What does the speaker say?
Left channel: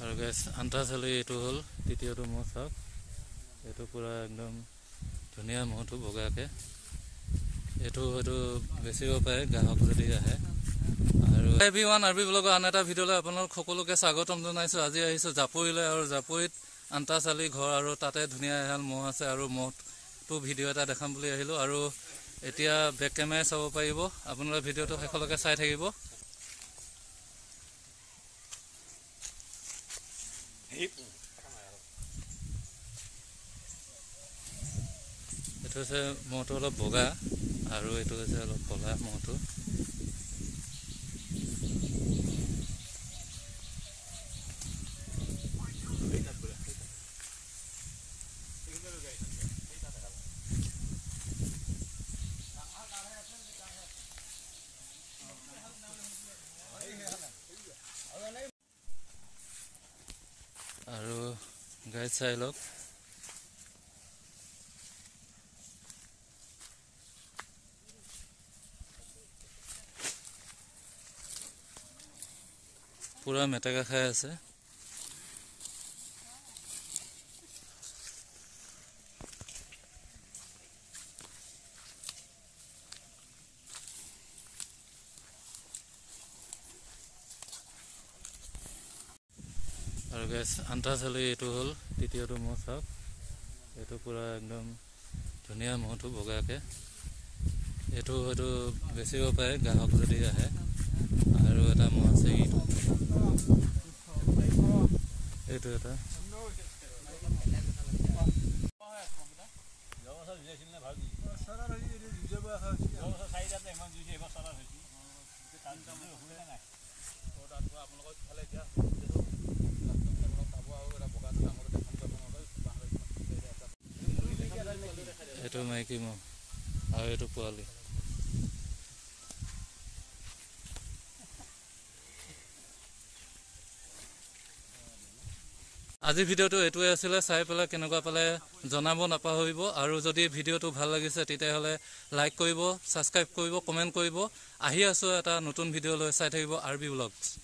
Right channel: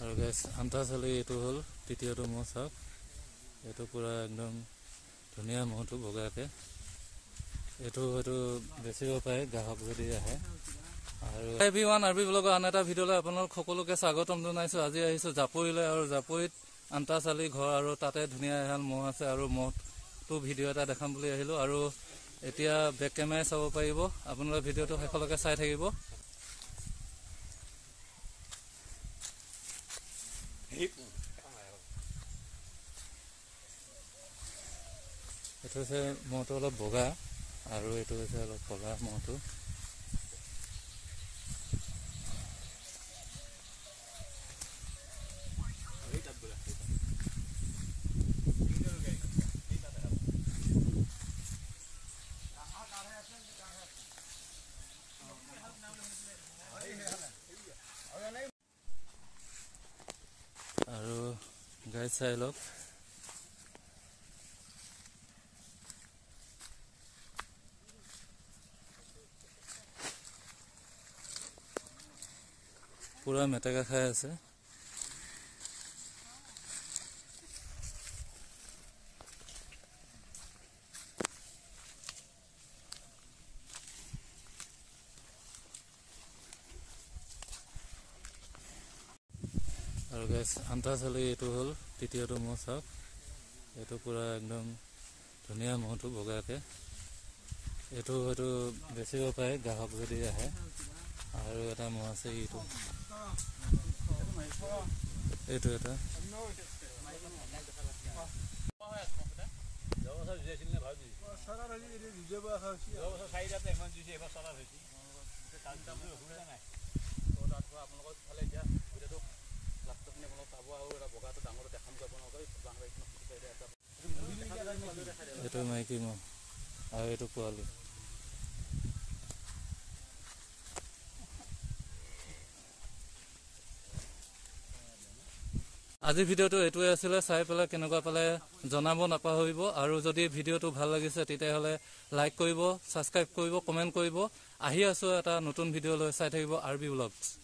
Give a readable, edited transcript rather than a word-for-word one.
আৰু গাইছ আন্তাচালি এইটো হ'ল তৃতীয়টো মহ চাওক এইটো পুৰা একদম ধুনীয়া মহটো বগাকে এইটো হয়তো বেচিব পাৰে গ্ৰাহক যদি আহে আৰু এভৰিৱান আৰবি ব্লগৰ আন এটা ভিডিঅ'লৈ আপোনালোক সকলোকে স্বাগতম জনাইছোঁ। আজি আহিছোঁ জাপৰিলৈ আৰু জাপৰিত আন্তাচালি ঘৰ আৰু তাতে ধুনীয়া এহাল মহ আছে আৰু মহটো ভিডিঅ' এটা দেখাম বুলি আহিলোঁ আৰু এতিয়া বেক কেমেৰাই চাব পাৰিব আপোনালোকে ভিডিঅ'টো শেষলৈকে চাই থাকিব। এইটো হৈছে মহটো অলপ বগা আৰু এইটো হৈছে অলপ ক'লা মহটো। আৰু গাইড চাই লওক পুৰা মেটেকা খাই আছে। আৰু গাইছ আন্তাচালি এইটো হ'ল তৃতীয়টো মহ চাওক এইটো পুৰা একদম ধুনীয়া মহটো বগাকে এইটো হয়তো বেচিব পাৰে গ্ৰাহক যদি আহে আৰু এটা মহ আছে এইটো এটা এইটো মাইকী মহ আৰু এইটো পোৱালি। আজি ভিডিঅ'টো এইটোৱে আছিলে, চাই পেলাই কেনেকুৱা পালে জনাব নাপাহৰিব আৰু যদি ভিডিঅ'টো ভাল লাগিছে তেতিয়াহ'লে লাইক কৰিব, ছাবস্ক্ৰাইব কৰিব, কমেণ্ট কৰিব। আহি আছোঁ এটা নতুন ভিডিঅ' লৈ চাই থাকিব আৰবি ব্লগছ।